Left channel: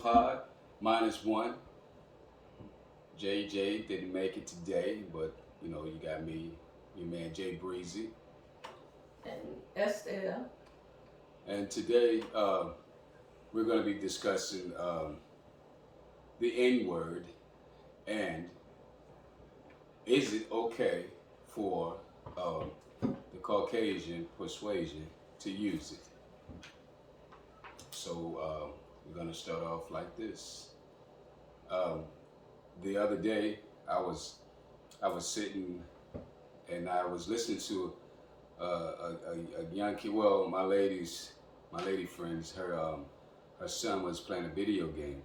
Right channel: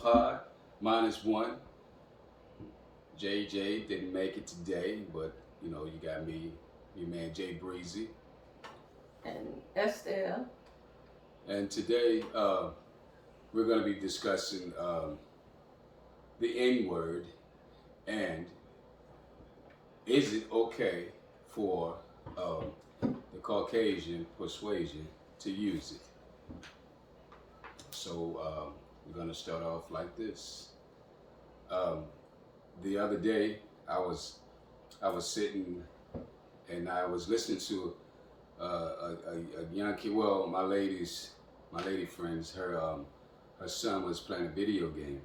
pod, -1. JJ didn't make it today, but you got me, your man Jay Breezy. And Estelle. And today we're going to be discussing the N word and is it okay for the Caucasian persuasion to use it? So we're going to start off like this. Um, the other day, I was sitting and I was listening to a young kid. Well, my lady friends, her son was playing a video game,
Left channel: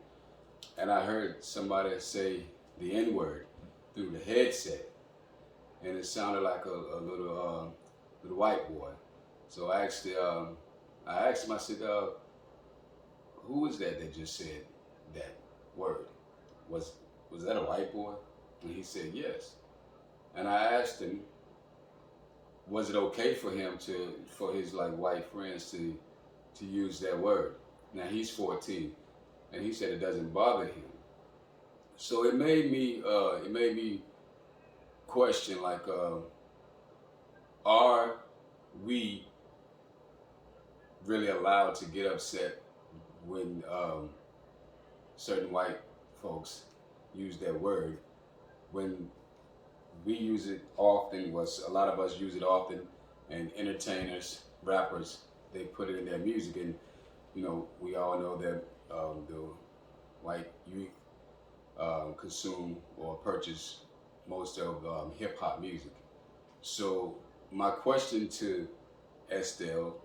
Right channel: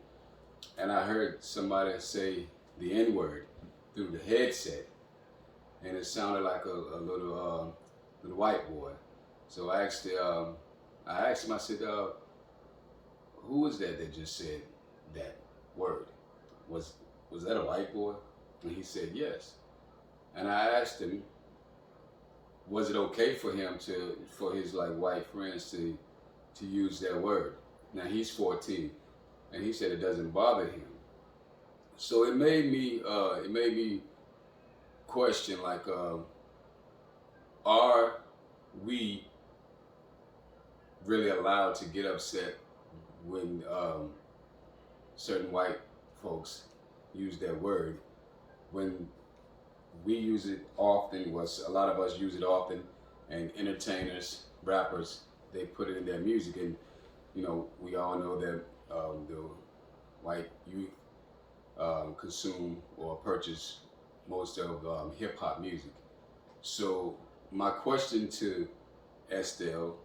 and I heard somebody say the N word through the headset, and it sounded like a little white boy. So I asked him. I said, "Who was that just said that word? Was was that a white boy?" And he said yes. And I asked him, was it okay for him for his like white friends to use that word? Now he's 14, and he said it doesn't bother him. So it made me question like, are we really allowed to get upset when certain white folks use that word when we use it often? Was a lot of us use it often, and entertainers, rappers, they put it in their music, and we all know that the white youth consume or purchase most of hip hop music. So my question to Estelle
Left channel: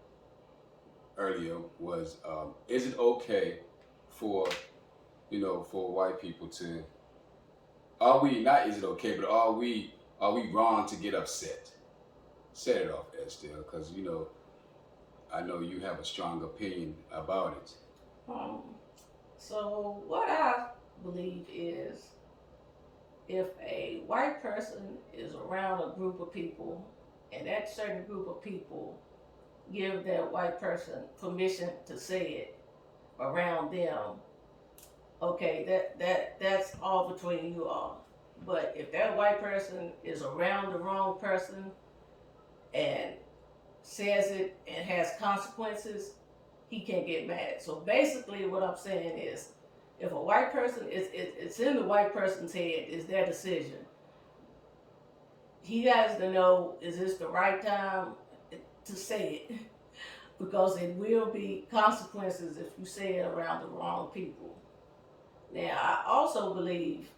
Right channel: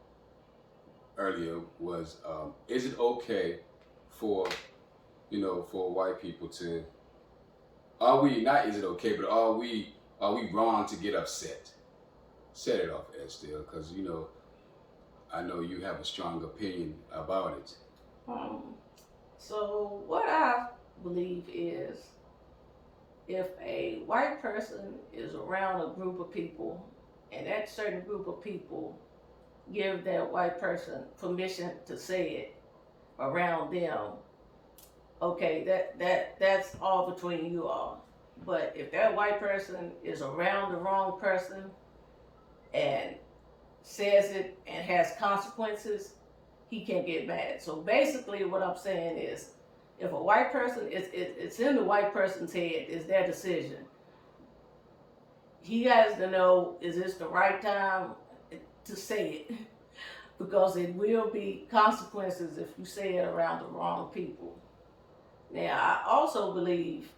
earlier was, is it okay for for white people to, are we not, is it okay, but are we wrong to get upset? Set it off, Estelle, because I know you have a strong opinion about it. Um, so what I believe is if a white person is around a group of people and that certain group of people give that white person permission to say it around them, okay, that's all between you all. But if that white person is around the wrong person and says it and has consequences, he can get mad. So basically, what I'm saying is, if a white person it's in the white person's head, is their decision. He has to know, is this the right time to say it? Because it will be consequences if you say it around the wrong people. Now, I also believe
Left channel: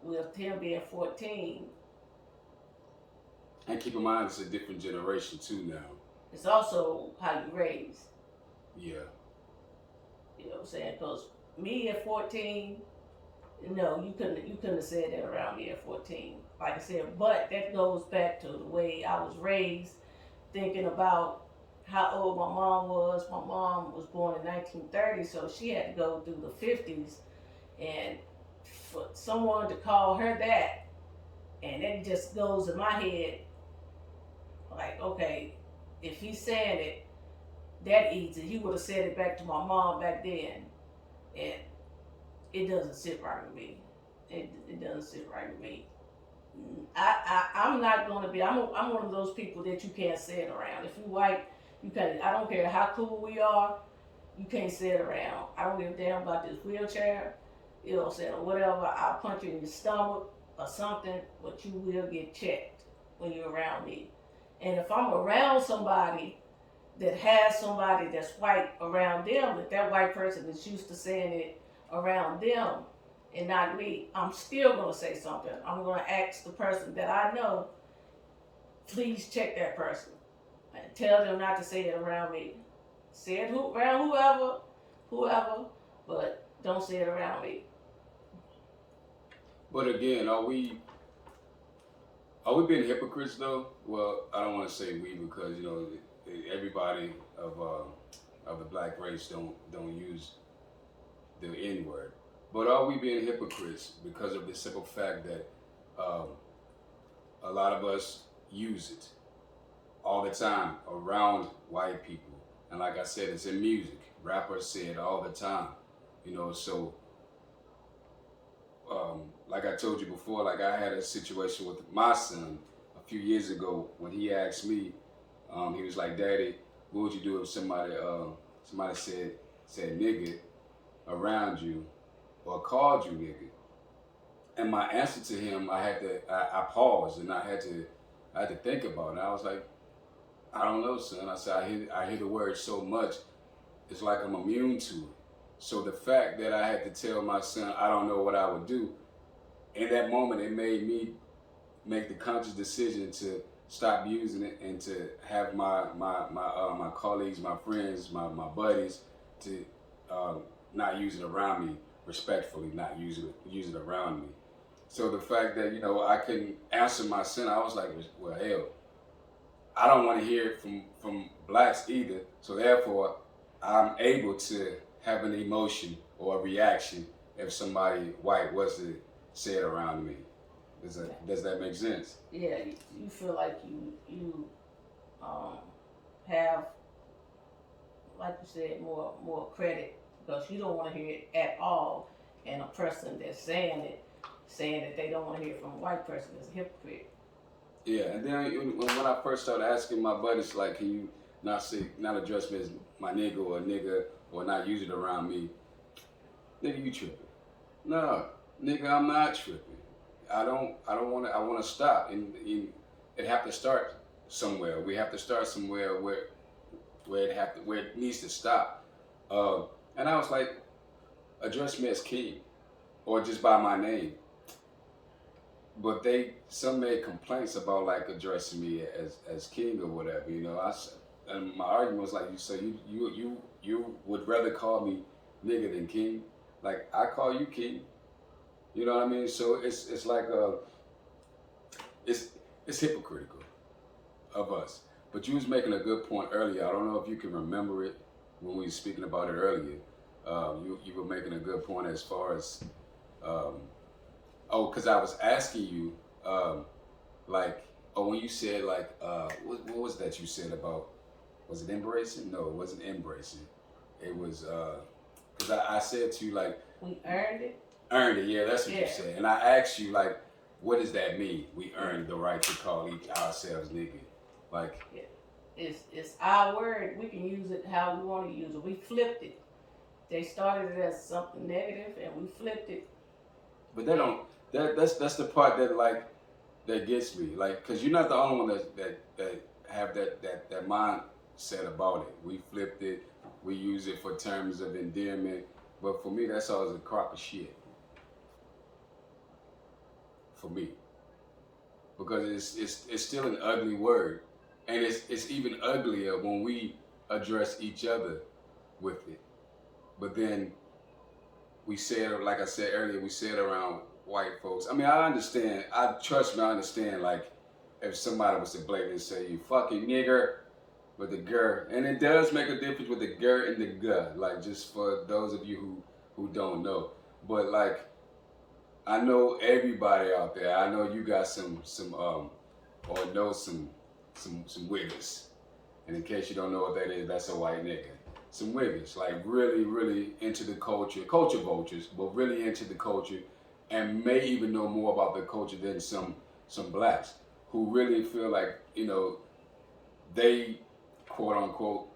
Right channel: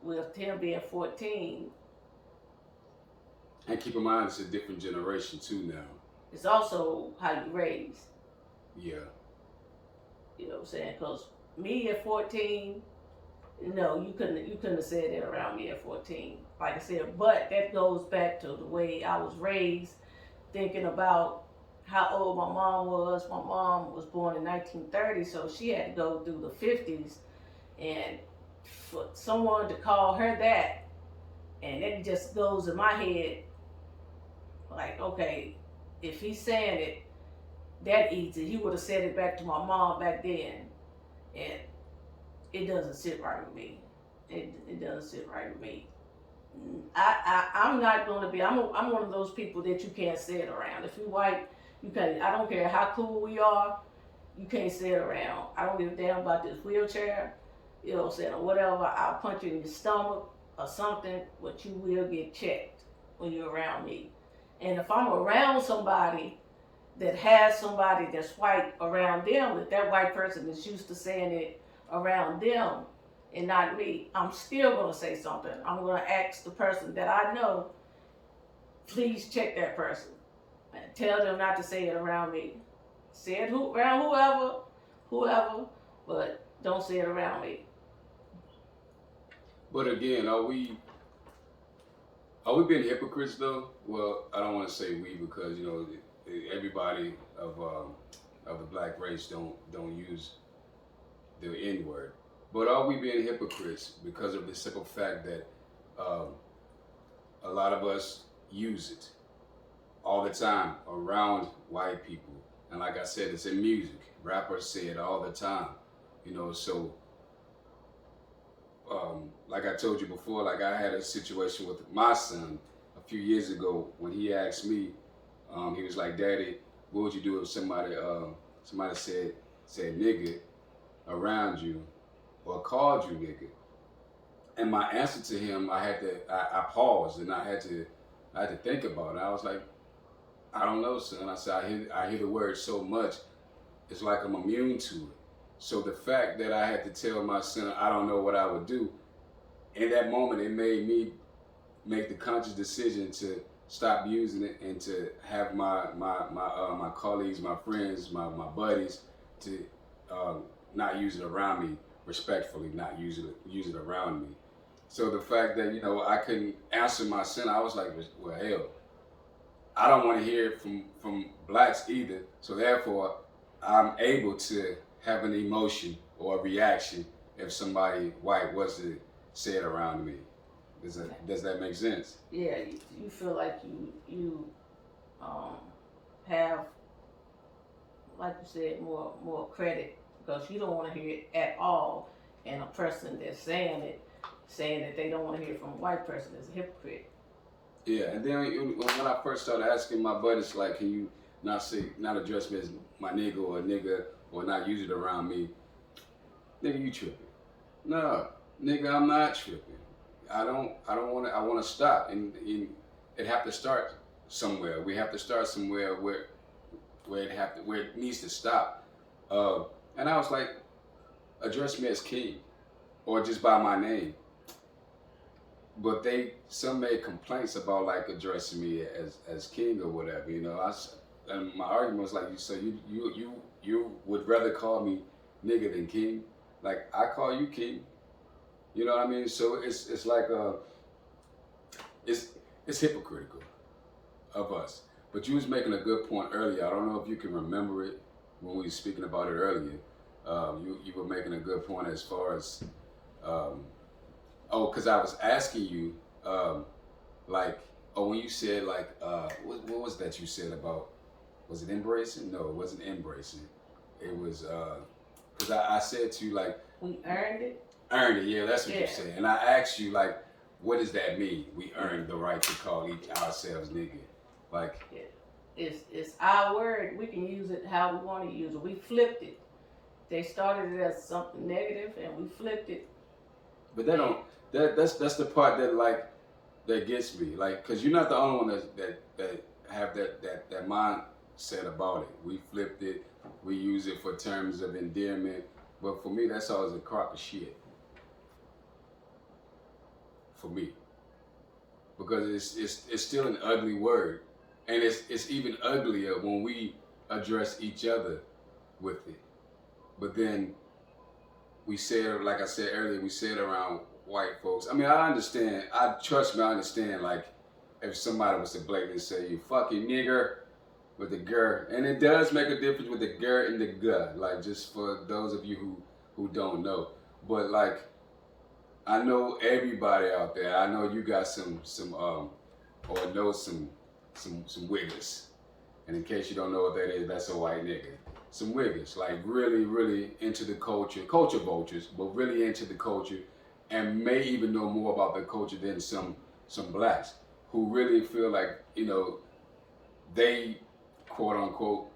with him being 14, And keep in mind, it's a different generation too now. it's also how you raise. Yeah. You know what I'm saying? Because me at 14, no, you couldn't have said that around me at 14. Like I said, but that goes back to the way I was raised, thinking about how old my mom was. My mom was born in 1930, so she had to go through the 50s, and for someone to call her that, and it just goes in my head like, okay, if he's saying it that easy, he would have said it back to my mom back then, and it doesn't sit right with me. It doesn't sit right with me. I'm not going to be. I'm one of those people that you can't say it around. If you white, you can't. I don't care how cool we are. You can't sit around. I don't give a damn about this wheelchair. You know what I'm saying, or whatever. I'll punch you in your stomach or something, but you will get checked when you're around me. And if I'm around somebody that has somebody that's white around them, if that white person is used to saying it around them and not me, I'm still gonna say something. I'm gonna ask the person that I know, please check that person and tell them not to say it around me. Say it around whoever, but don't say it around me. But again, are we being hypocrites though? Well, I don't want to say we, because everybody of the black race don't use the N word. But are we being hypocrites because of the simple fact that um, a lot of us use it all the time around white people? And like I said, it's in music. Rappers say it all the time. You know, so like I told you before, like I had a situation with my son a few years ago when he asked me, he was like, "Daddy, what would you do if somebody said nigga around you or called you nigga?" And my answer to him, I paused and I had to think about it. I was like, I don't know, son. I said, I hear the word so much, it's like I'm immune to it. So the fact that I had to tell my son I don't know what I would do, in that moment, it made me make the conscious decision to stop using it and to have my colleagues, my friends, my buddies to um, not use it around me respectfully, not use it around me. So the fact that I couldn't answer my son, I was like, well, hell, I don't want to hear it from blacks either. So therefore, I'm able to have an emotion or a reaction if somebody white was to say it around me. Does that make sense? Yeah, you feel like you um have, like you said, more credit because you don't want to hear it at all, and a person that's saying that they don't want to hear it from a white person is a hypocrite. Yeah, and then when I first started asking my buddies, like, can you not address me as my nigga or not use it around me? Nigga, you tripping? No, nigga, I'm not tripping. I don't want to. I want to stop, and it have to start somewhere. We have to start somewhere where it needs to stop. Uh, and I was like, address me as king or just by my name. But some made complaints about like addressing me as king or whatever. And my argument was like, so you would rather call me nigga than king? Like I call you king. You know what I mean? So it's like it's it's hypocritical of us. But you was making a good point earlier. I don't know if you can remember it when we were speaking about it earlier. You were making a good point as far as um, because I was asking you like when you said like what was that you said about, was it embracing? No, it wasn't embracing. It was because I said to you like We earned it. earned it. Yeah, that's what you Yeah. said. And I asked you like, what does that mean? We earned the right to call ourselves nigga. Like, Yeah. It's our word. We can use it how we want to use it. We flipped it. They started it as something negative, and we flipped it. but they don't. That's the part that like that gets me. Like, cause you're not the only one that have that mindset about it. We flipped it. We use it for terms of endearment. But for me, that's always a crock of shit. For me, because it's still an ugly word, and it's even uglier when we address each other with it. But then we say it, like I said earlier, we say it around white folks. I mean, I understand. Trust me, I understand. Like, if somebody was to blatantly say, "You fucking nigger," with the gur, and it does make a difference with the gur and the guh. Like, just for those of you who don't know, but like, I know everybody out there. I know you got some or know some wiggers. And in case you don't know what that is, that's a white nigga. Some wiggers, like really, really into the culture vultures, but really into the culture, and may even know more about the culture than some blacks who really feel like they quote unquote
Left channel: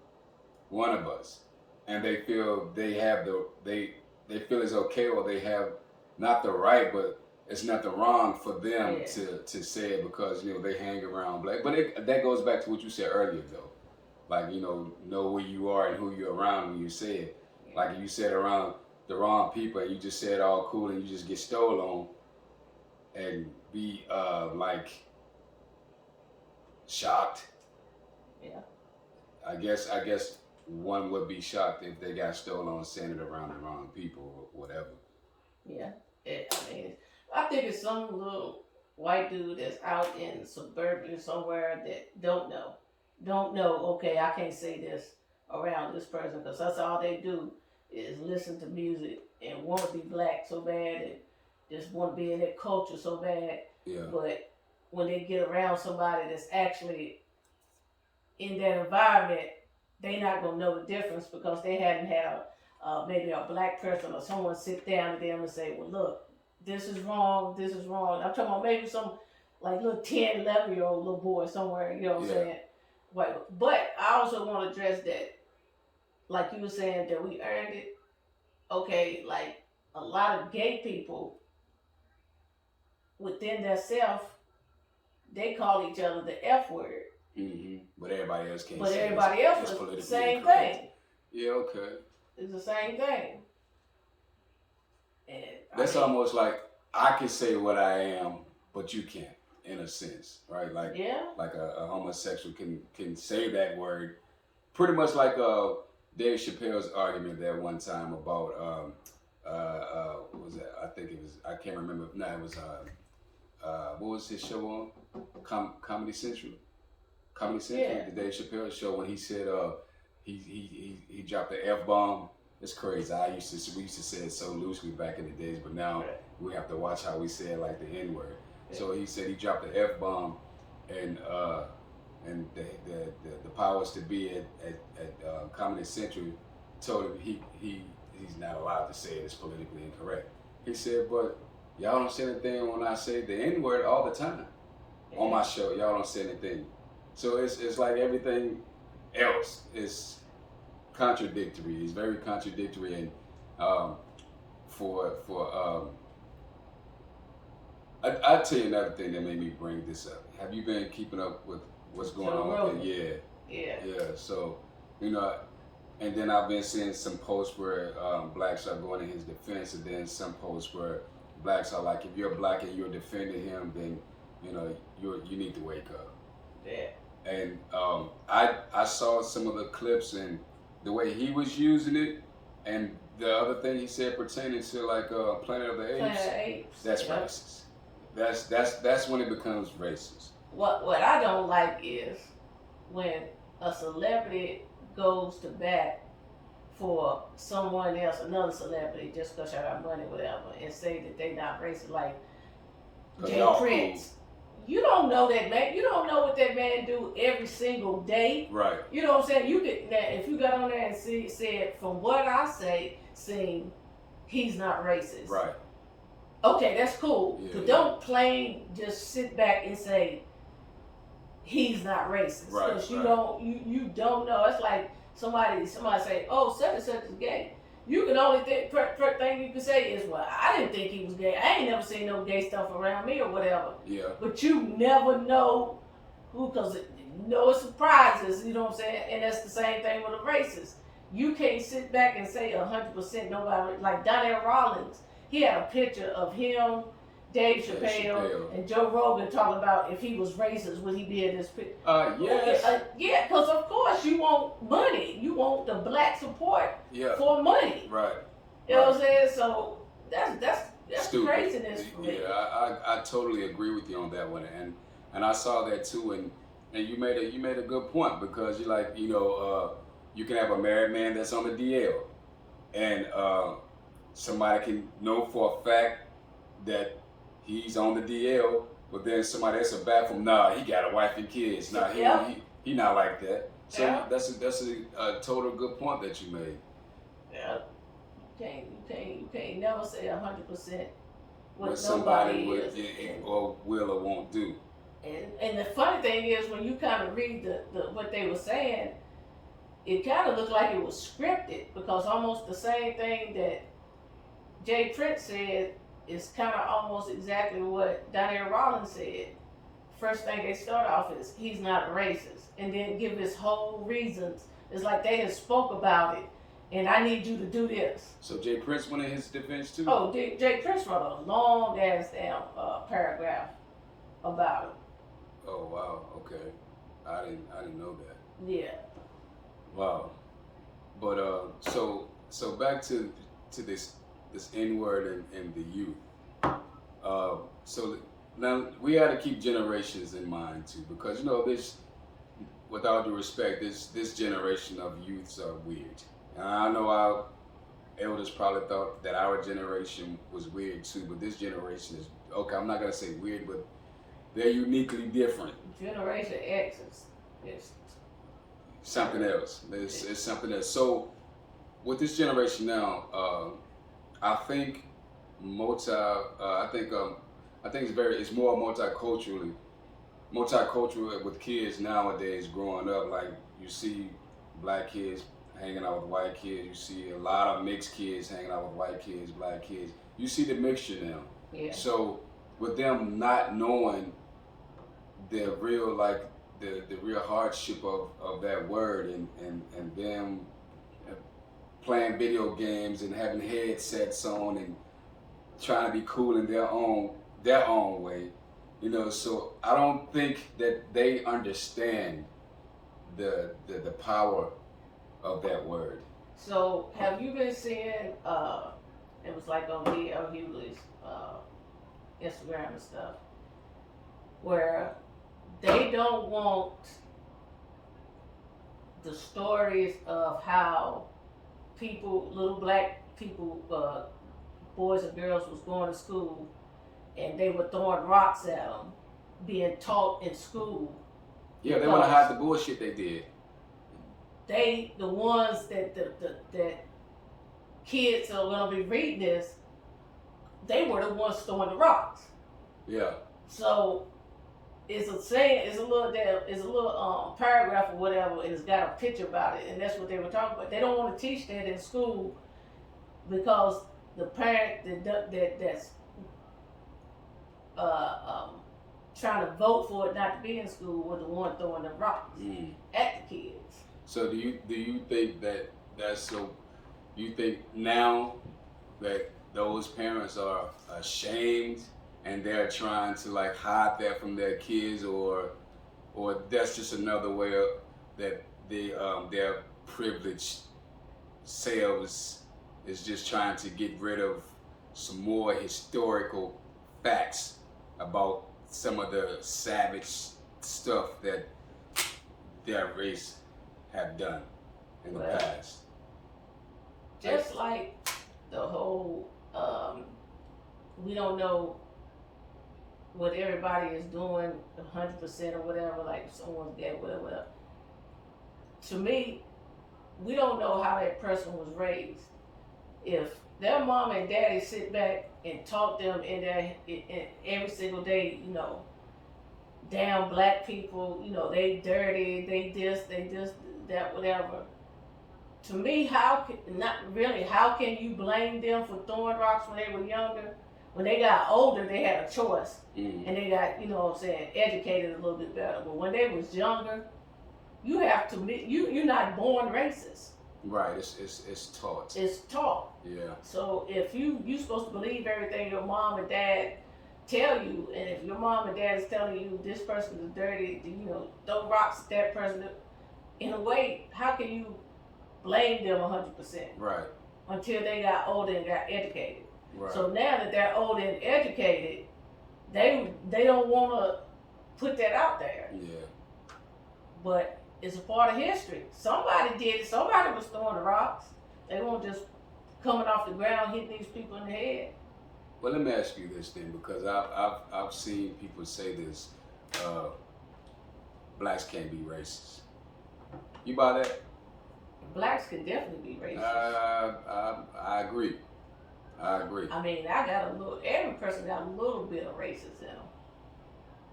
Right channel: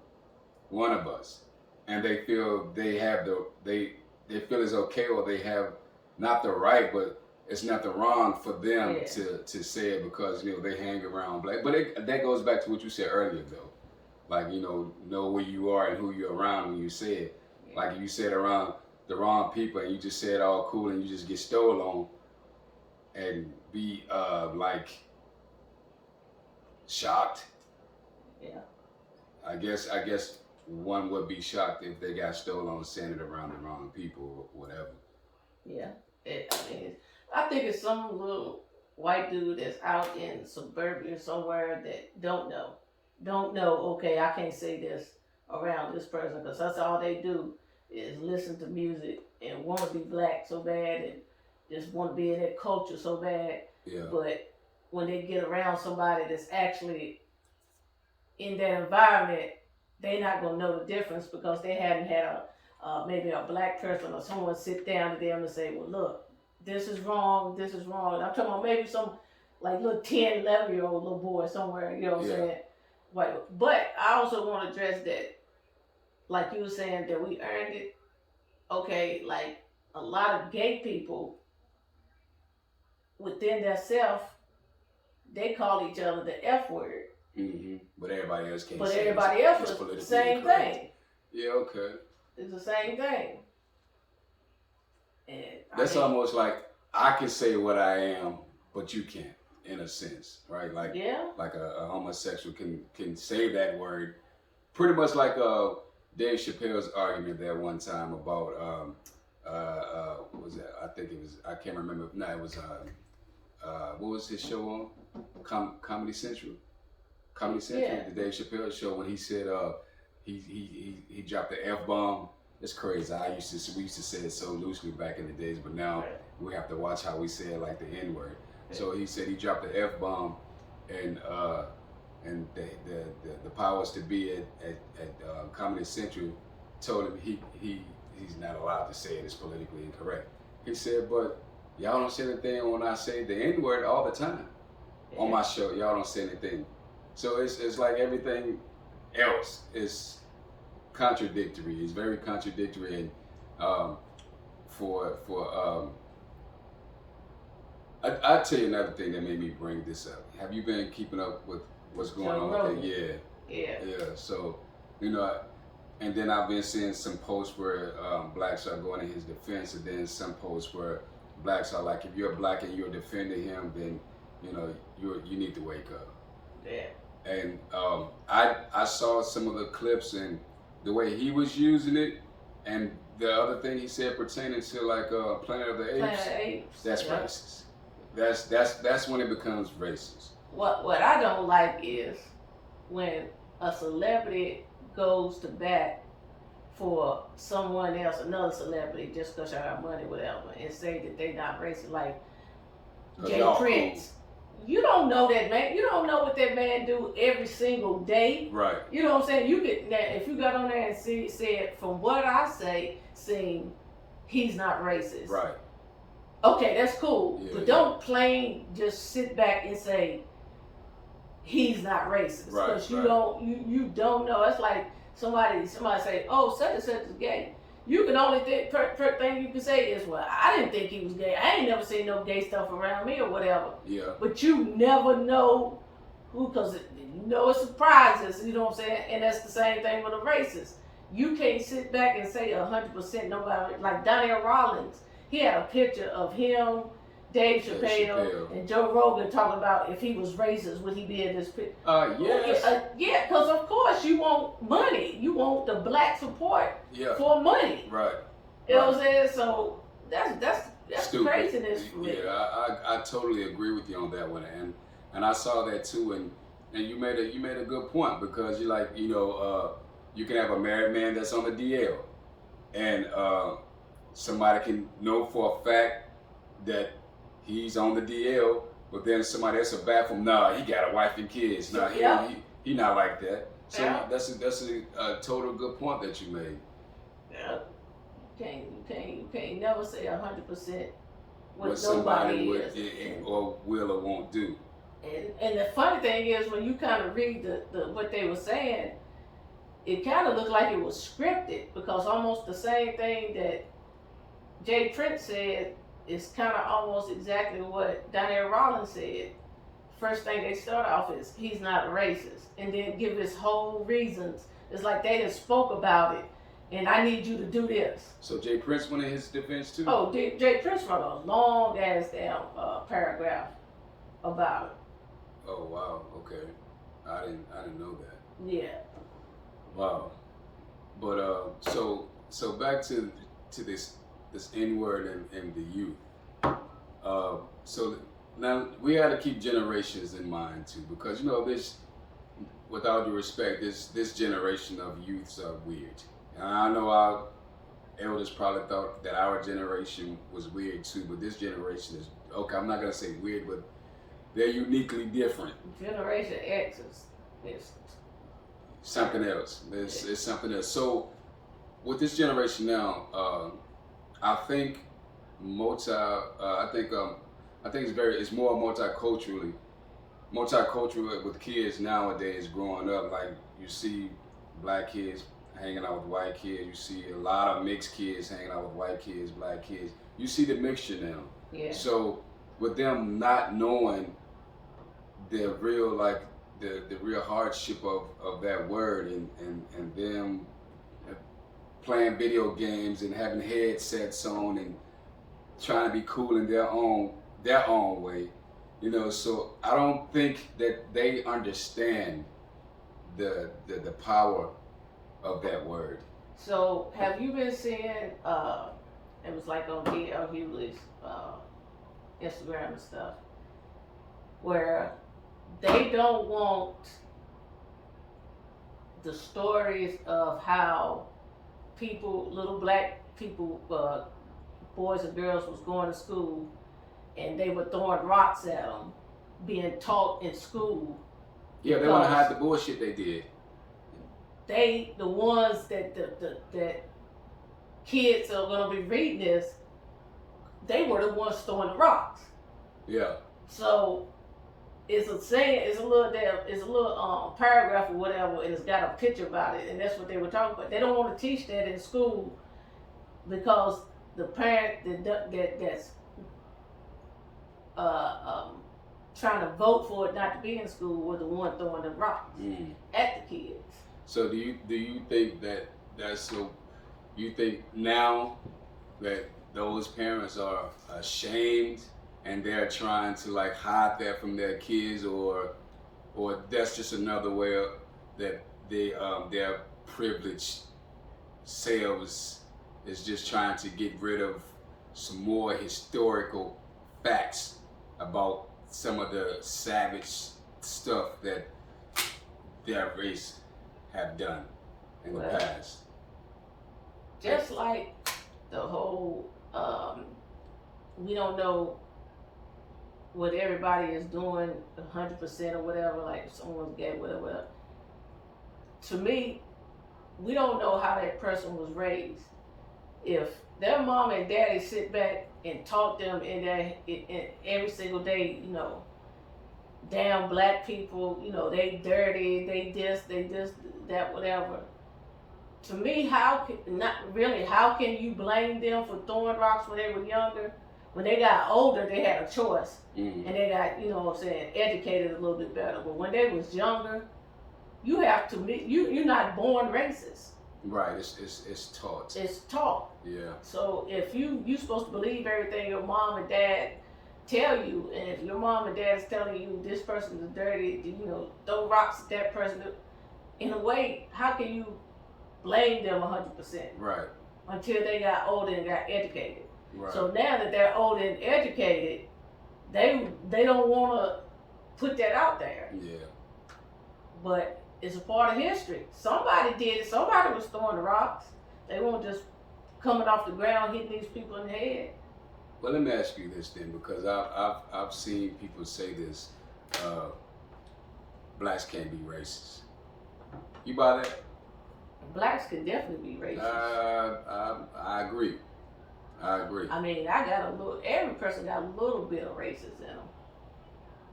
one of us, and they feel they feel it's okay, or they have not the right, but it's nothing wrong for them Yeah. to say it because they hang around black. But that goes back to what you said earlier, though. Like know where you are and who you're around when you say it. Yeah. Like if you said around the wrong people and you just say it all cool and you just get stole on and be like shocked. Yeah. I guess one would be shocked if they got stolen on saying it around the wrong people or whatever. Yeah. I mean, I think it's some little white dude that's out in suburbia somewhere that don't know. Don't know, okay, I can't say this around this person because that's all they do is listen to music and want to be black so bad and just want to be in that culture so bad. Yeah. But when they get around somebody that's actually in that environment, they not gonna know the difference because they hadn't had a maybe a black person or someone sit down to them and say, well, look, this is wrong, this is wrong. I'm talking about maybe some like little 10, 11-year-old little boy somewhere, you know what I'm saying? Like, but I also want to address that, like you were saying, that we earned it. Okay, like a lot of gay people within their self, they call each other the F word. But everybody else can't. But say everybody else it's is the politically same incorrect. thing. Yeah, okay. It's the same thing. And that's almost like I can say what I am, but you can't, in a sense, right? Like, like a homosexual can say that word, pretty much like Dave Chappelle's argument that one time about what was that? I think it was, I can't remember. No, it was what was his show on? Comedy Central. Comedy Central, the Dave Chappelle show, when he said he dropped the F-bomb. It's crazy. We used to say it so loosely back in the days, but now we have to watch how we say it, like the N-word. So he said he dropped the F-bomb, and the powers to be at Comedy Central told him he's not allowed to say it. It's politically incorrect. He said, but y'all don't say anything when I say the N-word all the time on my show. Y'all don't say anything. So it's like everything else is contradictory. It's very contradictory, and I'll tell you another thing that made me bring this up. Have you been keeping up with what's going on with it? Yeah. So, you know, and then I've been seeing some posts where blacks are going in his defense, and then some posts where blacks are like, if you're black and you're defending him, then you know you need to wake up. Yeah. And I saw some of the clips and the way he was using it, and the other thing he said pertaining to like Planet of the Apes. That's racist. That's when it becomes racist. What I don't like is when a celebrity goes to bat for someone else, another celebrity, just because they have money, whatever, and say that they not racist, like Jay Prince. Cool. You don't know that man. You don't know what that man do every single day. Right. You know what I'm saying? You get that if you got on there and said from what I say, saying he's not racist. Right. Okay, that's cool. Yeah, but don't plain just sit back and say he's not racist. Right. Because you don't know. It's like somebody say, oh, such and such is gay. You can only think, thing you can say is, well, I didn't think he was gay. I ain't never seen no gay stuff around me or whatever. Yeah. But you never know who, because it surprises, you know what I'm saying? And that's the same thing with a racist. You can't sit back and say 100% nobody, like Donnell Rollins, he had a picture of him, Dave Chappelle, and Joe Rogan talking about if he was racist, would he be in this picture? Yes. Yeah, because of course you want money. You want the black support for money. Right. You know what I'm saying? So that's craziness for me. Yeah, I totally agree with you on that one, and I saw that too, and you made a good point, because you're like, you know, you can have a married man that's on the DL, and somebody can know for a fact that he's on the DL, but then somebody else will back from, nah, he got a wife and kids. Nah, he not like that. So that's a total good point that you made. Yeah. You can't never say 100% what somebody would or will or won't do. And the funny thing is, when you kind of read the what they were saying, it kind of looked like it was scripted, because almost the same thing that Jay Prince said is kind of almost exactly what Donnell Rollins said. First thing they start off is, he's not racist, and then give his whole reasons. It's like they just spoke about it, and I need you to do this. So Jay Prince went in his defense too? Oh, Jay Prince wrote a long ass damn paragraph about it. Oh wow, okay. I didn't know that. Yeah. Wow. But so back to this N-word and the youth. So now we had to keep generations in mind too, because you know this, with all due respect, this generation of youths are weird. And I know our elders probably thought that our generation was weird too, but this generation is, okay, I'm not gonna say weird, but they're uniquely different. Generation X is something else. It's something else. So with this generation now, I think I think it's more multicultural with kids nowadays growing up. Like you see black kids hanging out with white kids. You see a lot of mixed kids hanging out with white kids, black kids. You see the mixture now. Yeah. So with them not knowing the real the real hardship of that word and them playing video games and having headsets on and trying to be cool in their own way, so I don't think that they understand the power of that word. So have you been seeing? It was like on D.L. Hewley's Instagram and stuff, where they don't want the stories of how people, little black people, boys and girls was going to school and they were throwing rocks at them, being taught in school. Yeah, they want to hide the bullshit they did. They, the ones that kids are gonna be reading this, they were the ones throwing the rocks. Yeah. So it's a little paragraph or whatever, and it's got a picture about it, and that's what they were talking about. They don't want to teach that in school because the parent that's trying to vote for it not to be in school were the one throwing the rocks at the kids. So do you think that's so? You think now that those parents are ashamed and they're trying to like hide that from their kids, or that's just another way that their privileged selves is just trying to get rid of some more historical facts about some of the savage stuff that their race have done in the past. Just like the whole, we don't know what everybody is doing 100% or whatever, like if someone's gay, whatever. To me, we don't know how that person was raised. If their mom and daddy sit back and taught them in every single day, damn black people, they dirty, they this, that, whatever. To me, how can you blame them for throwing rocks when they were younger? When they got older, they had a choice, and they got, educated a little bit better. But when they was younger, you have to be, you're not born racist. Right, it's taught. It's taught. Yeah. So if you supposed to believe everything your mom and dad tell you, and if your mom and dad is telling you this person is dirty, throw rocks at that person, in a way, how can you blame them 100%? Right. Until they got older and got educated. Right. So now that they're older and educated, they don't want to put that out there. Yeah. But it's a part of history. Somebody did it. Somebody was throwing the rocks. They weren't just coming off the ground hitting these people in the head. Well, let me ask you this then, because I've seen people say this: blacks can't be racist. You buy that? Blacks can definitely be racist. I agree. I mean, every person got a little bit of racist in them.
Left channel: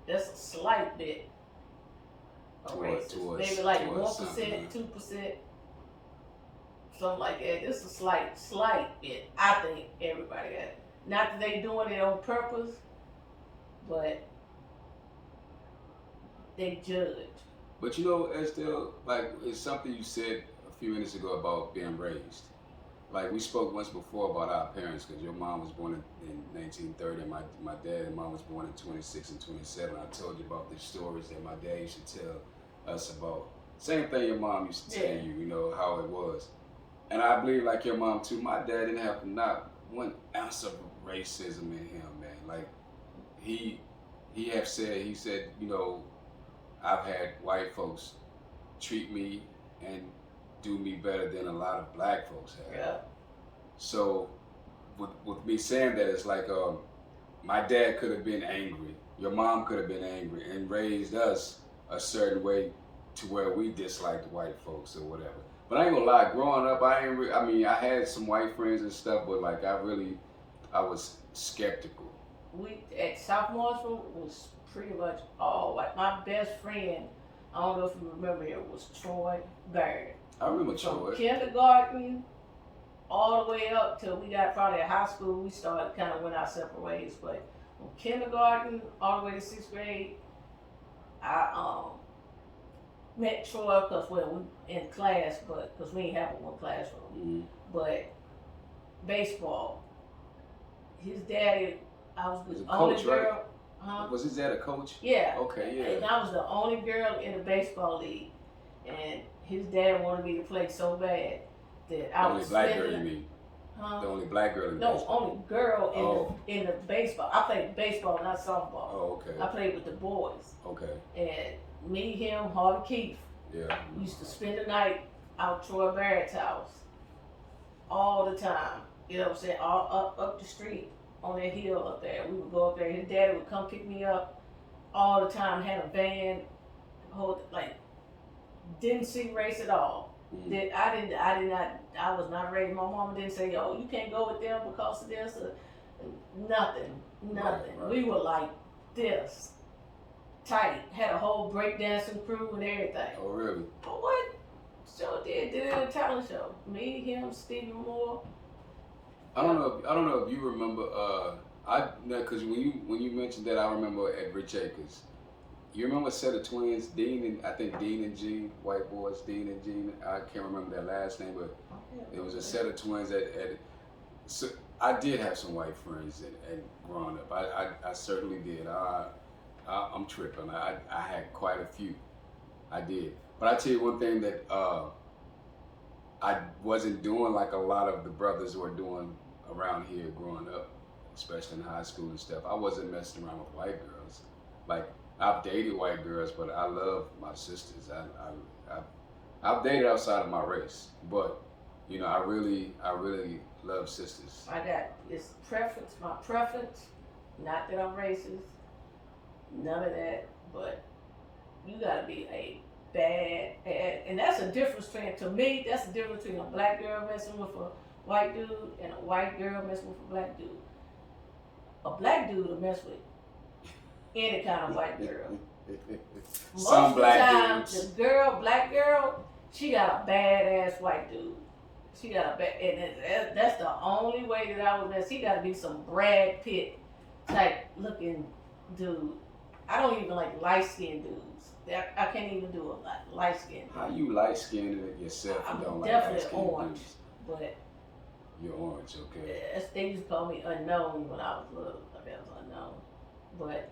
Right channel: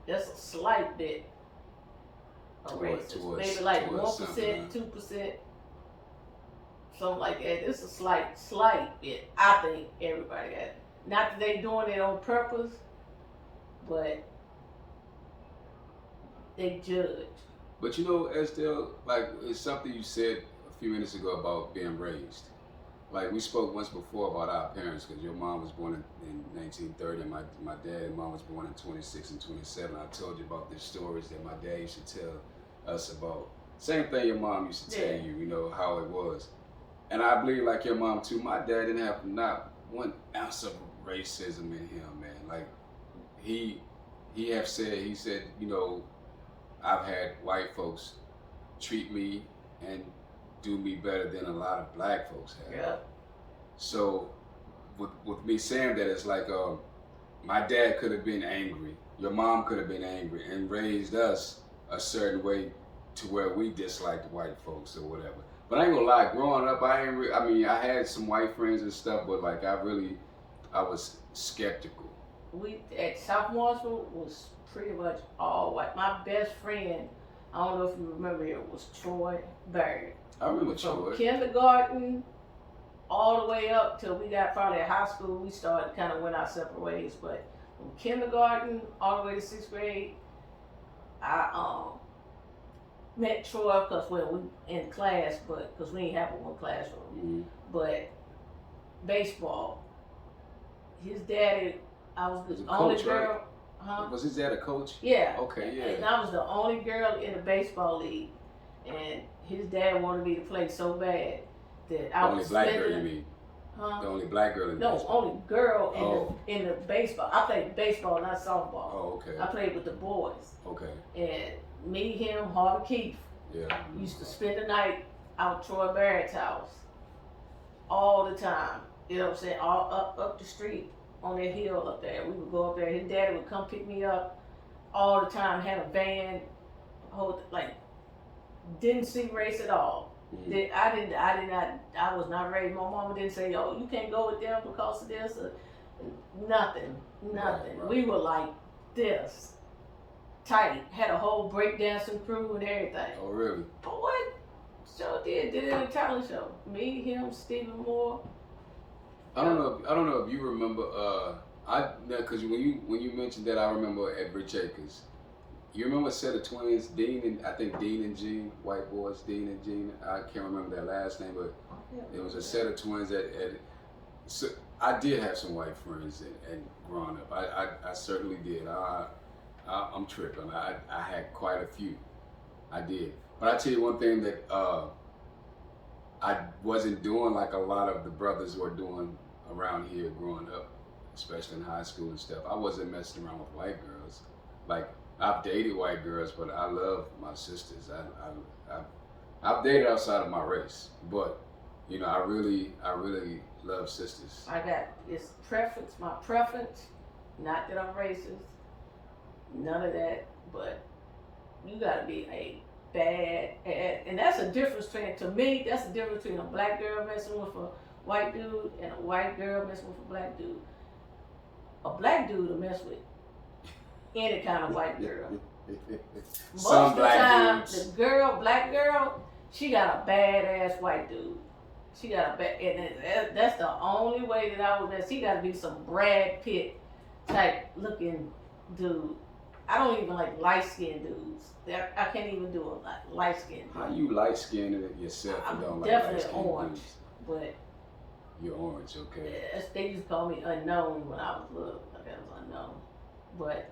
Just a slight bit of racist. Maybe like 1%, 2%, something like that. It's a slight bit. I think everybody got it. Not that they doing it on purpose, but they judge. But Estelle, like it's something you said a few minutes ago about being raised. Like we spoke once before about our parents, because your mom was born in 1930, and my dad and mom was born in 26 and 27. I told you about the stories that my dad used to tell us about. Same thing your mom used to tell you, how it was. And I believe like your mom too, my dad didn't have not one ounce of racism in him, man. Like he said, I've had white folks treat me and do me better than a lot of black folks have. Yeah. So with me saying that, it's like my dad could have been angry, your mom could have been angry and raised us a certain way to where we disliked white folks or whatever. But I ain't gonna lie, growing up, I mean, I had some white friends and stuff, but like I was skeptical. We at South Marshall was pretty much all white. My best friend, I don't know if you remember it, was Troy Bird. I remember From Troy. kindergarten all the way up till we got probably at high school, we started kind of went our separate ways. But from kindergarten all the way to sixth grade, I met Troy because well we in class, but because we ain't have one classroom. Mm-hmm. But baseball, his daddy, I was the Was a only coach, girl. right? Huh? Was his dad a coach? Yeah. Okay, yeah. And I was the only girl in the baseball league, and his dad wanted me to play so bad that I The only was black girl, spending. you mean? Huh? The only black girl in No, baseball? only girl in the baseball. I played baseball, not softball. Oh, okay. I played with the boys. Okay. And me, him, Harvey Keefe Yeah. used to spend the night out Troy Barrett's house all the time. You know what I'm saying? All up the street on that hill up there. We would go up there. His daddy would come pick me up all the time. Had a van, like didn't see race at all. Mm-hmm. I was not raised. My mama didn't say, "Oh, you can't go with them because of this." Or, nothing. Right. We were like this, tight. Had a whole breakdancing crew and everything. Oh, really? But what? Sure did it in a talent show. Me, him, Stephen Moore. I don't know if you remember. Because when you mentioned that, I remember at Rich Acres. You remember a set of twins, Dean and Jean, white boys, Dean and Jean. I can't remember their last name, but it was a set of twins so I did have some white friends and growing up. I certainly did. I'm tripping. I had quite a few. I did. But I tell you one thing that I wasn't doing like a lot of the brothers were doing around here growing up, especially in high school and stuff. I wasn't messing around with white girls. Like, I've dated white girls, but I love my sisters. I've dated outside of my race, but you know, I really love sisters. I got it's preference, my preference. Not that I'm racist, none of that. But you gotta be a and that's a difference between, to me, that's the difference between a black girl messing with a white dude and a white girl messing with a black dude. A black dude will mess with any kind of white girl. Some Most of the black time, dudes. the black girl, she got a badass white dude. She got and that's the only way that I would mess. He got to be some Brad Pitt type looking dude. I don't even like light skinned dudes. I can't even do a light skinned dude. How you light skinned yourself and don't like light skinned orange, dudes? But You're orange, okay. they used to call me unknown when I was little. Like I was unknown, but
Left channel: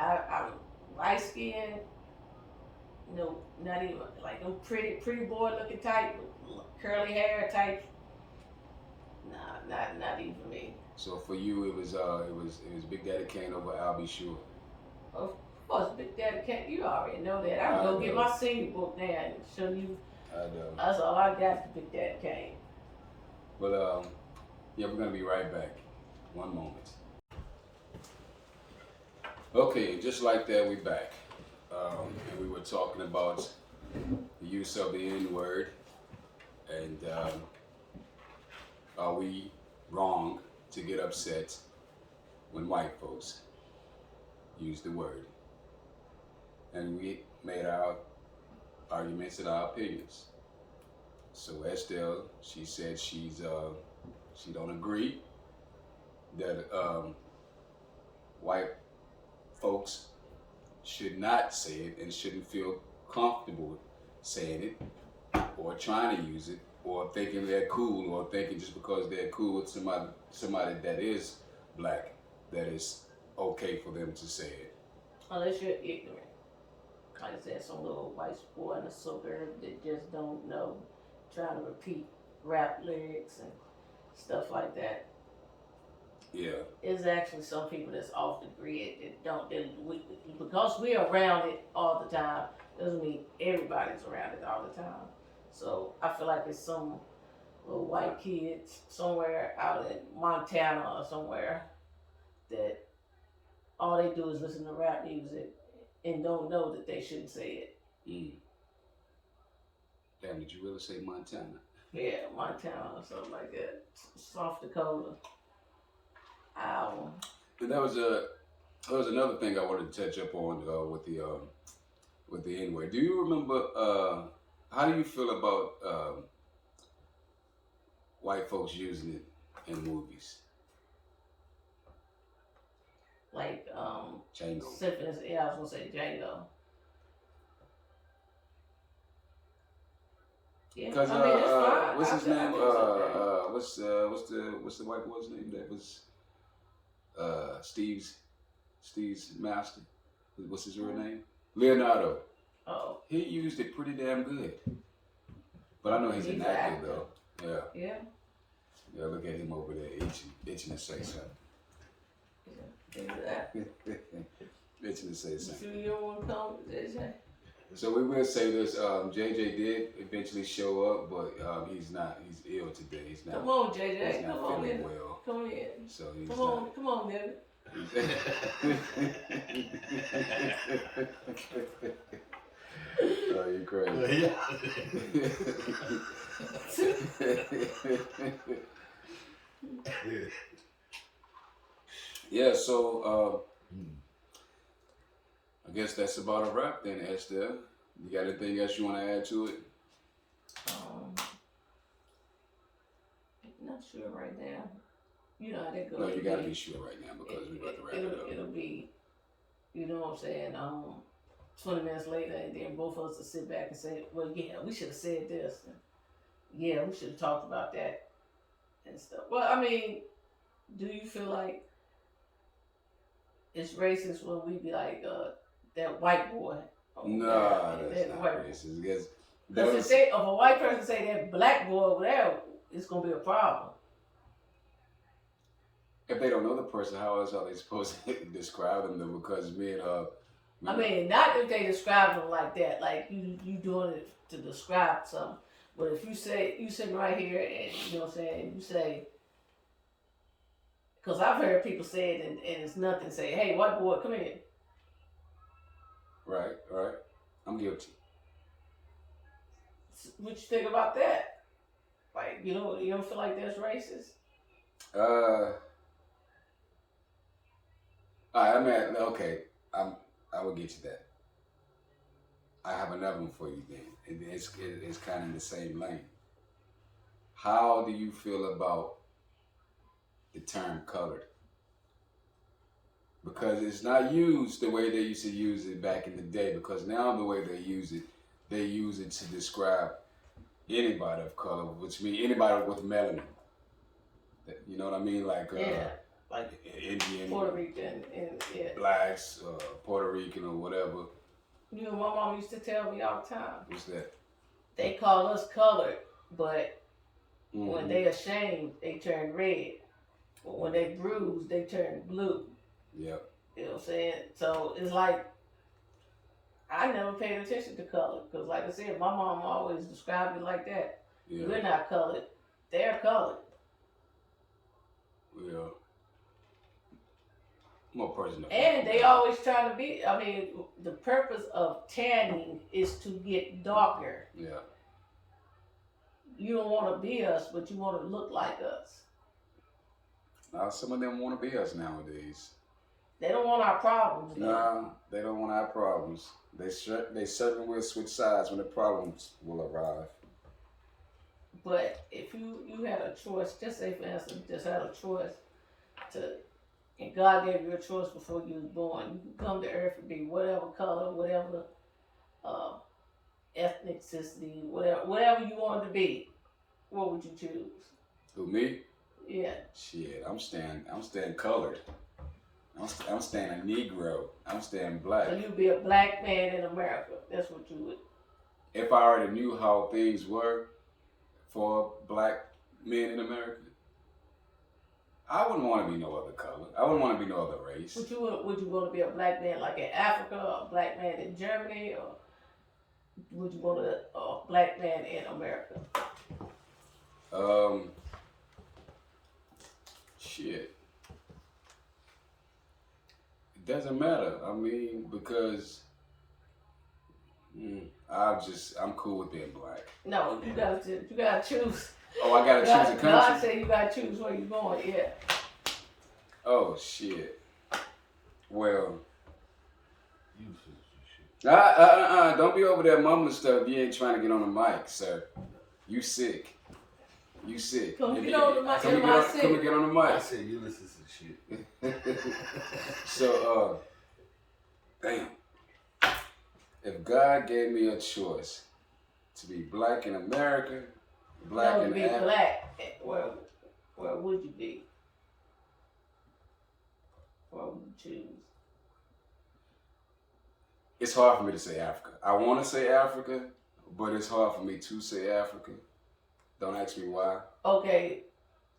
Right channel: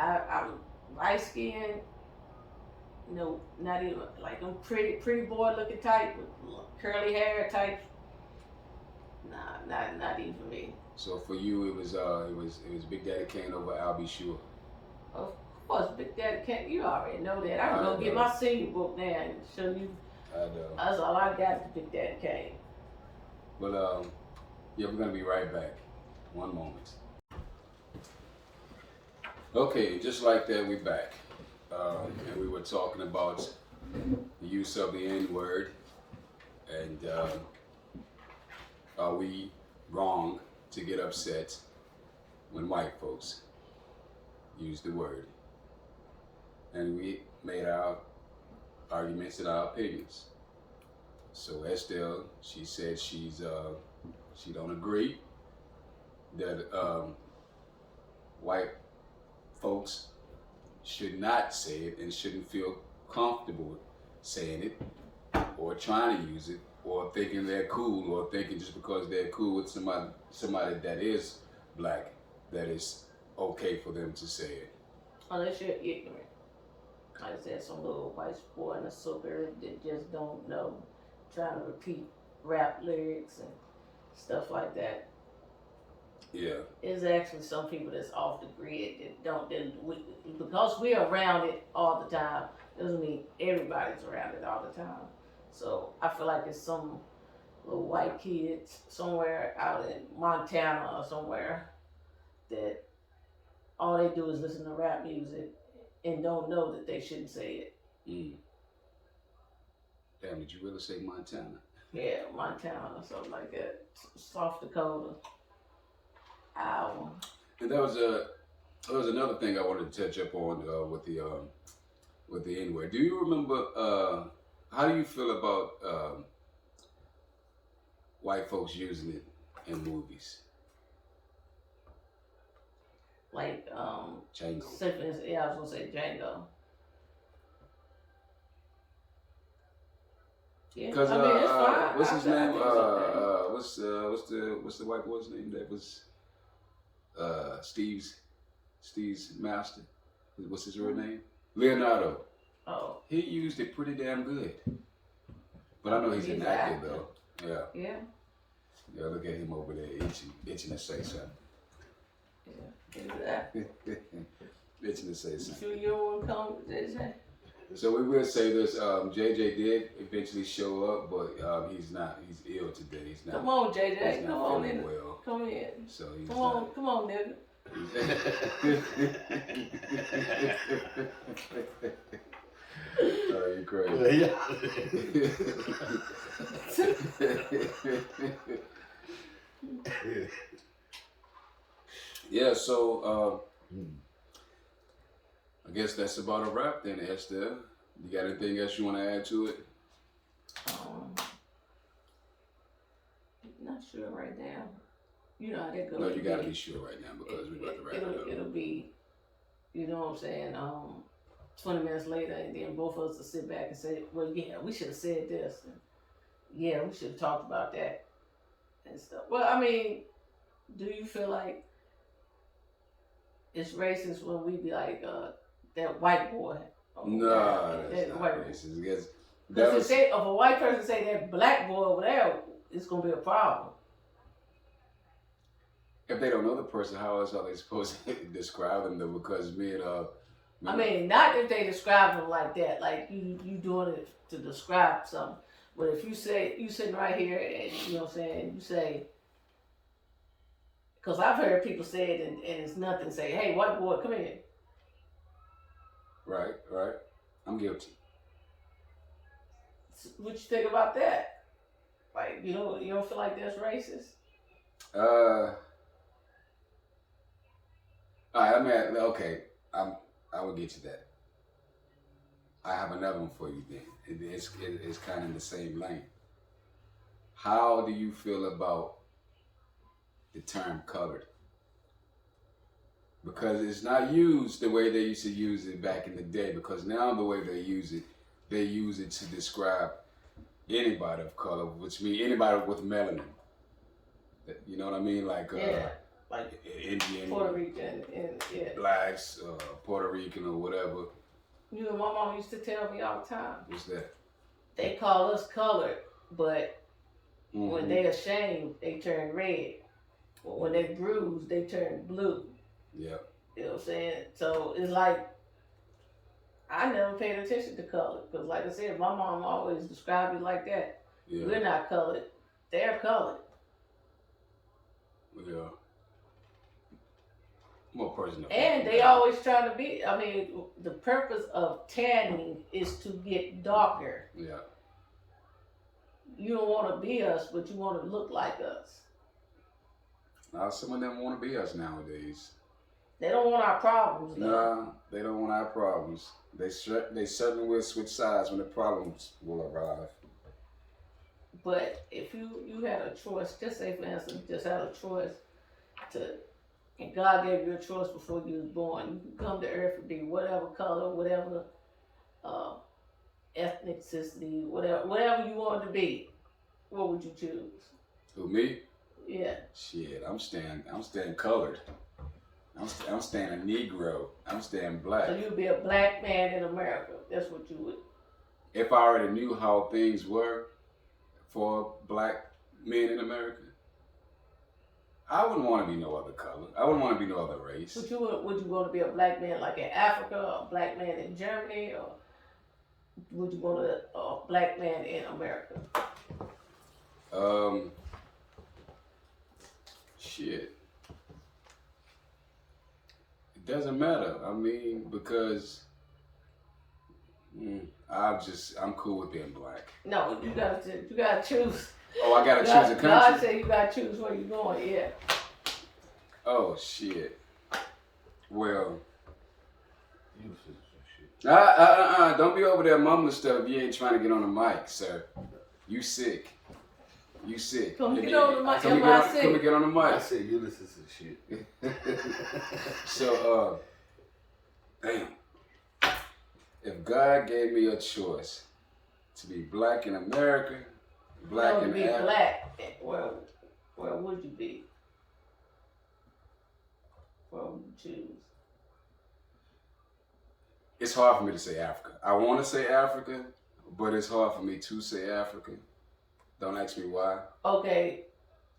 I was light skinned. You know, not even like them pretty boy looking type with curly hair type. Nah, not even me. So for you, it was Big Daddy Kane over Albie Shore. Of course, Big Daddy can't. You already know that. I can go get my senior book now and show you. I know. That's all I got. Is Big Daddy Kane. But yeah, we're gonna be right back. One moment. Okay, just like that, we back. And we were talking about the use of the N-word, and are we wrong to get upset when white folks use the word? And we made our arguments and our opinions. So Estelle, she said she don't agree that white folks should not say it and shouldn't feel comfortable saying it or trying to use it or thinking they're cool or thinking just because they're cool with somebody that is black that it's okay for them to say it. Unless you're ignorant. Like I said, some little white boy in a suburb that just don't know, trying to repeat rap lyrics and stuff like that. Yeah. It's actually some people that's off the grid because we're around it all the time, doesn't mean everybody's around it all the time. So I feel like it's some little white kids somewhere out in Montana or somewhere that all they do is listen to rap music and don't know that they shouldn't say it. Mm. Damn, did you really say Montana? Yeah, Montana or something like that. South Dakota, Iowa. And that was another thing I wanted to touch up on with the N word. Do you remember? How do you feel about white folks using it in movies? Like Django. yeah, I was gonna say Django. Yeah, Because I mean it's fine. what's his I name? think it's okay. What's the white boy's name that was Steve's master? What's his real name? Leonardo. Oh. He used it pretty damn good. But I know he's an actor though. Yeah. Yeah. Yeah, look at him over there itching to say something. Yeah, exactly. Itching to say You something. sure you don't want to come, JJ? So we will say this. JJ did eventually show up, but he's not. He's ill today. He's not. Come on, JJ. He's Come not on feeling in. well. Come in. So he's Come on, nigga. Are you crazy? Yeah. So I guess that's about a wrap then, Estelle. You got anything else you want to add to it? Not sure right now. You know how they go. No, you gotta be sure right now because we're about to wrap it up. It'll be, you know what I'm saying, 20 minutes later, and then both of us will sit back and say, well, yeah, we should have said this. And, yeah, we should have talked about that and stuff. Well, I mean, do you feel like it's racist when we be like, that white boy? No, that's not racist. Because if a white person say that black boy over there, it's going to be a problem. If they don't know the person, how else are they supposed to describe them though? Because me and I mean, not if they describe them like that, like you doing it to describe something. But if you say, you sitting right here and, you know what I'm saying, you say, because I've heard people say it and it's nothing, say, hey, white boy, come in. Right. I'm guilty. What you think about that? Like, you don't feel like that's racist? I mean, okay, I will get you that. I have another one for you then. It's kind of in the same lane. How do you feel about the term colored? Because it's not used the way they used to use it back in the day. Because now the way they use it to describe anybody of color, which means anybody with melanin. You know what I mean? Like Indian, Puerto Rican, and yeah, blacks, Puerto Rican or whatever. You know, my mom used to tell me all the time. What's that? They call us colored, but when they ashamed, they turn red. When they bruise, they turn blue. Yep. You know what I'm saying? So it's like, I never paid attention to color. Because like I said, my mom always described it like that. Yeah. We're not colored. They're colored. Yeah. More personal. And they always try to be, I mean, the purpose of tanning is to get darker. Yeah. You don't want to be us, but you want to look like us. Now, some of them want to be us nowadays. They don't want our problems. No, they don't want our problems. They certainly will switch sides when the problems will arrive. But if you had a choice, just say for instance, just had a choice and God gave you a choice before you was born. You can come to earth and be whatever color, whatever ethnicity, whatever you wanted to be. What would you choose? Who, me? Yeah. Shit, I'm staying colored. I'm staying a Negro. I'm staying black. So you'd be a black man in America. That's what you would. If I already knew how things were for black men in America, I wouldn't want to be no other color. I wouldn't want to be no other race. Would you want to be a black man like in Africa, or a black man in Germany, or would you want a black man in America? Shit. It doesn't matter. I mean, because I'm cool with being black. No, you gotta choose. Oh, I gotta choose a country? God said you gotta choose where you going, yeah. Oh, shit. Well. You shit. Don't be over there mumbling stuff if you ain't trying to get on the mic, sir. You sick. You sick. Come get on the mic. Come and get on the mic. I said you listen to shit. So, damn. If God gave me a choice to be black in America, black in Africa. Black, where would you be? Where would you choose? It's hard for me to say Africa. I want to say Africa, but it's hard for me to say Africa. Don't ask me why. Okay,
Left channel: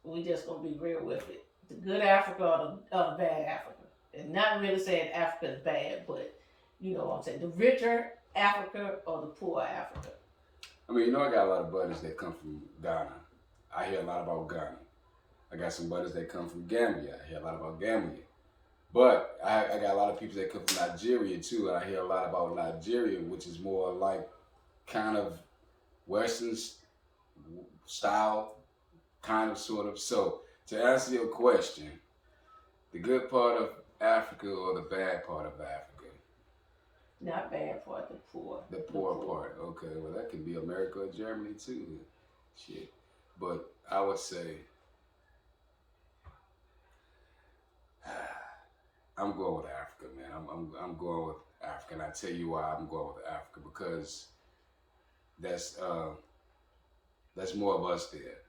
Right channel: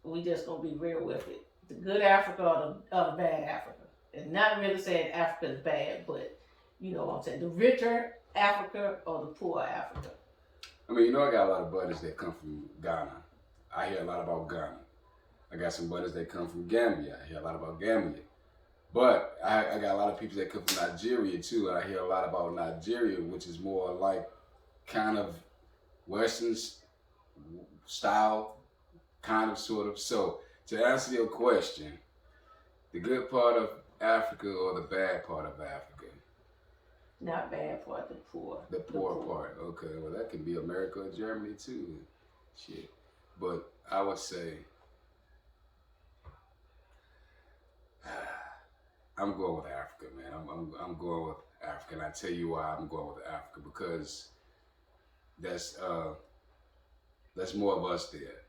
we just gonna be real with it. The good Africa or the bad Africa. And not really saying Africa is bad, but you know what I'm saying. The richer Africa or the poor Africa. I mean, I got a lot of buddies that come from Ghana. I hear a lot about Ghana. I got some buddies that come from Gambia. I hear a lot about Gambia. But I got a lot of people that come from Nigeria too. And I hear a lot about Nigeria, which is more like kind of Western style, kind of, sort of. So to answer your question, the good part of Africa or the bad part of Africa? Not bad part, the poor. The poor part. Okay, well that could be America or Germany too. Shit. But I would say I'm going with Africa, man. I'm going with Africa, and I tell you why I'm going with Africa, because that's more of us there.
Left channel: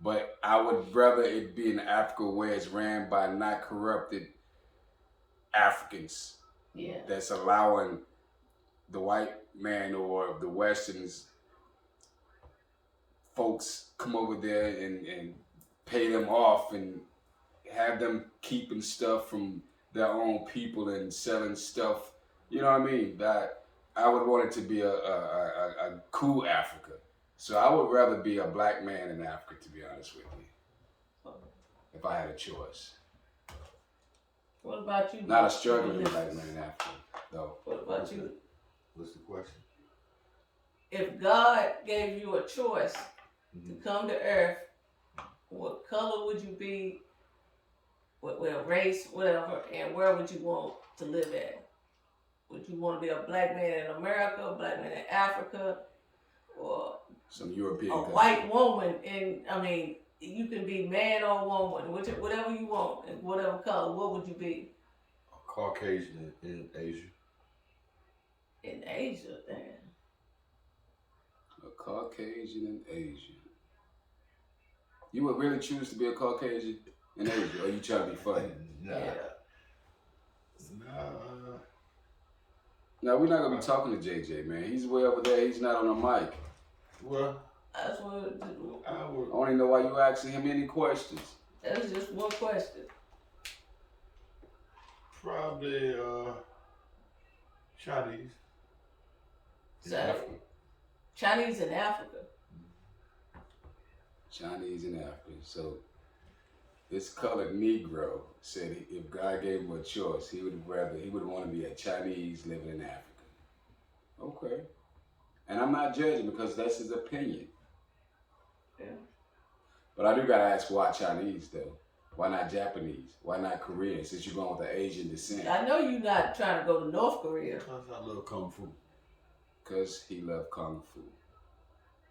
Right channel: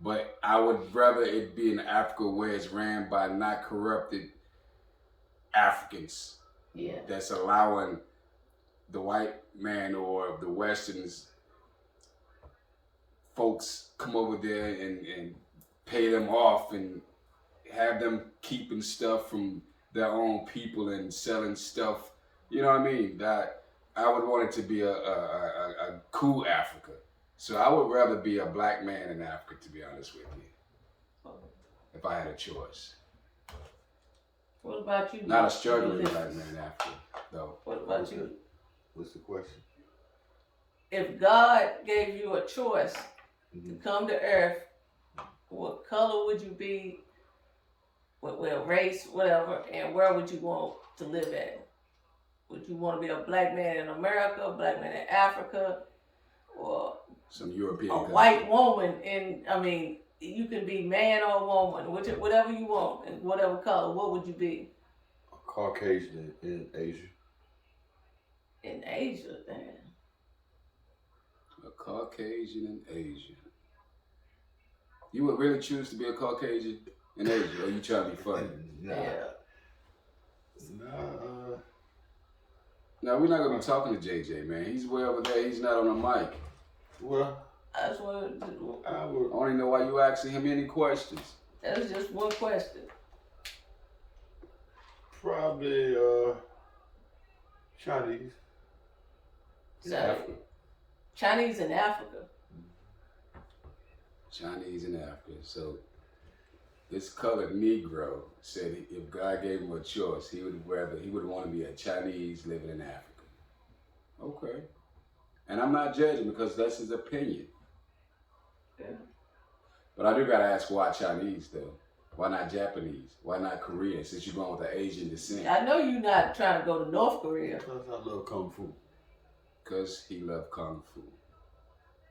But I would rather it be in Africa where it's ran by not corrupted Africans. Yeah. That's allowing the white man or the Westerns folks come over there and pay them off and have them keeping stuff from their own people and selling stuff. You know what I mean? That I would want it to be a cool Africa. So I would rather be a black man in Africa, to be honest with you, if I had a choice. What about you? Not a struggling black man in Africa, though. What about you? What's the question? If God gave you a choice to come to Earth, what color would you be? What race, whatever, and where would you want to live at? Would you want to be a black man in America, a black man in Africa, or some European country? White woman? You can be man or woman, whatever you want, and whatever color. What would you be? A Caucasian in Asia. In Asia, damn. A Caucasian in Asia. You would really choose to be a Caucasian in Asia, or you trying to be funny? Nah. No, we're not gonna be talking to JJ, man. He's way over there. He's not on the mic. Well, that's what I want to know why you asking him any questions. That was just one question. Probably Chinese. Chinese in Africa. Chinese in Africa. So this colored Negro said if God gave him a choice, he would want to be a Chinese living in Africa. Okay. And I'm not judging because that's his opinion. Yeah. But I do gotta ask, why Chinese though? Why not Japanese? Why not Korean? Since you're going with the Asian descent. I know you're not trying to go to North Korea. Because I love Kung Fu. Because he loved Kung Fu.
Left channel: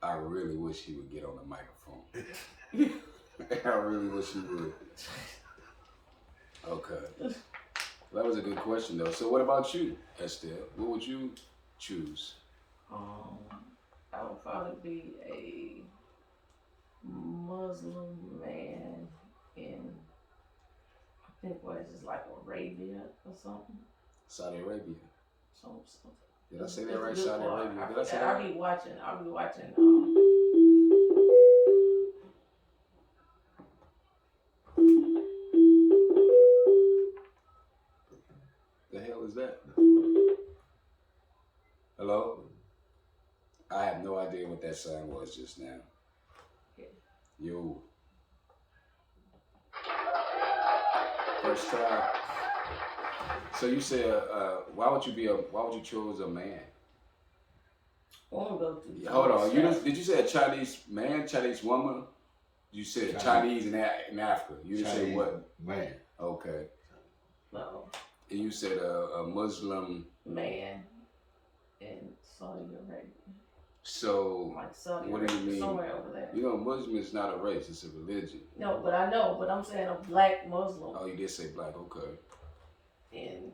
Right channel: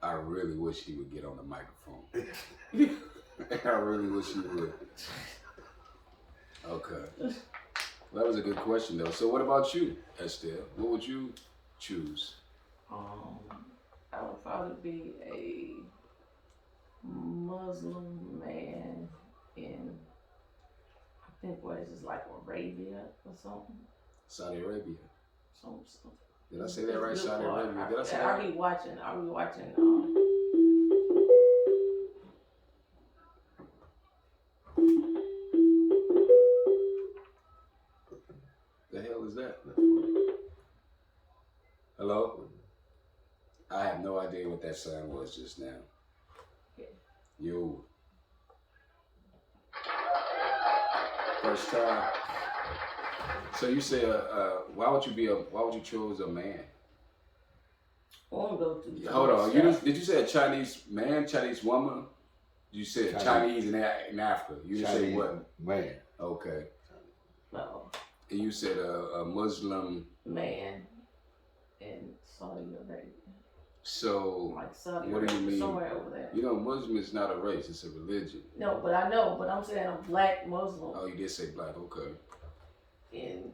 I really wish he would get on the microphone. I really wish he would. Okay. Well, that was a good question though. So what about you, Estelle? What would you choose? I would probably be a Muslim man in, I think, what is this, like Arabia or something? Saudi Arabia. Something. Did I say that right? Saudi Arabia. Did I say that I'll right? be watching. The hell is that? Hello? I have no idea what that sound was just now. Yeah. Yo. First time. So you said, why would you choose a man? want to go through. Hold on. stuff. Did you say a Chinese man, Chinese woman? You said Chinese in Africa. You didn't say what? Man. Okay. No. And you said a Muslim Man in Saudi Arabia. So, Like Saudi what do you Arabia, mean? somewhere over there. You know, Muslim is not a race; it's a religion. No, but I know. But I'm saying a black Muslim Oh, you did say black. Okay. in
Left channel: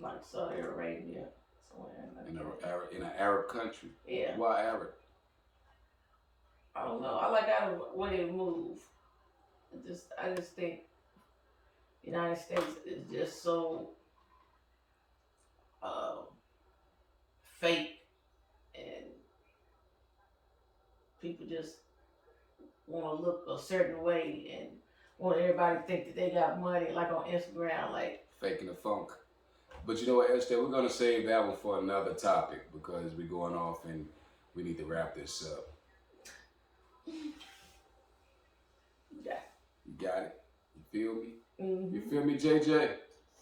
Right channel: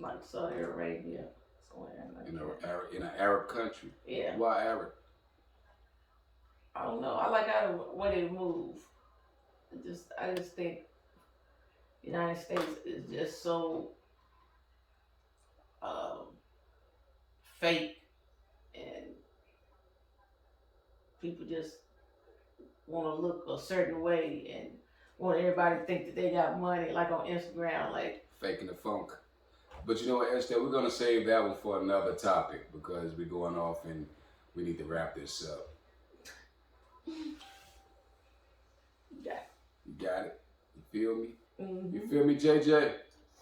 like Saudi Arabia, somewhere In an Arab country. Yeah. Why Arab? I don't know. I like how the way they move. I just think United States is just so fake, and people just want to look a certain way and want everybody to think that they got money, like on Instagram, like Faking the funk. But you know what, Estelle, we're gonna save that one for another topic because we're going off and we need to wrap this up. yeah. You got it? You feel me? Mm-hmm. You feel me, JJ?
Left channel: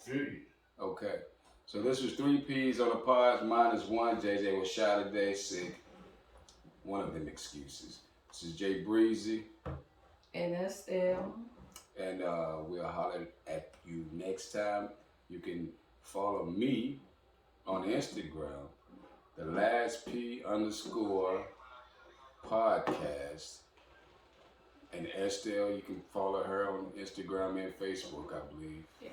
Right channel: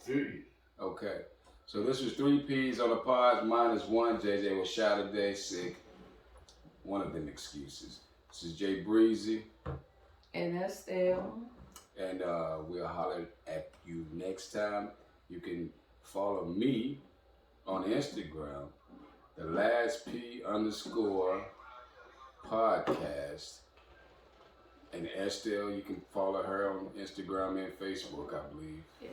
See. Okay. So this was 3 P's on the pods. Mine is 1. JJ was shot today, sick. One of them excuses. This is Jay Breezy. And Estelle. And we'll holler at you next time. You can follow me on Instagram, the Last P _ podcast. And Estelle, you can follow her on Instagram and Facebook, I believe. Yeah.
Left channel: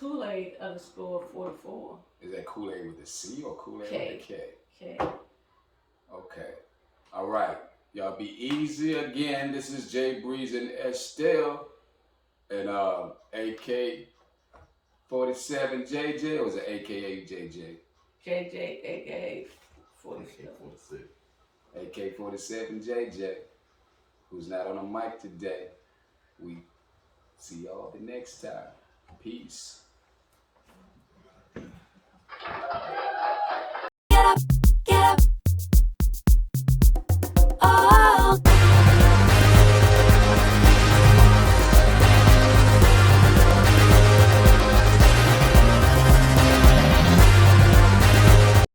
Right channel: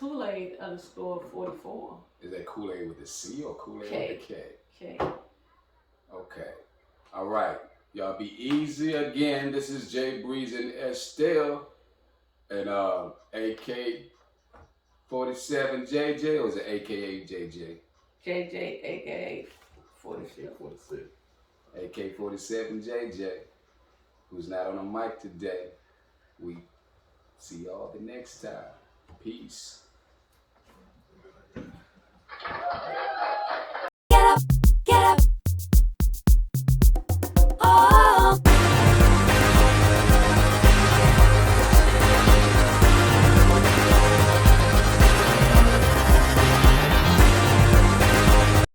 Kool-Aid _44. Is that Kool-Aid with a C or Kool-Aid K. with a K? Okay. Okay. All right. Y'all be easy again. This is Jay Breezy and Estelle. And AK 47 JJ, or is it AKA JJ? JJ, aka 47. AK 47 JJ, who's not on the mic today. We see y'all the next time. Peace.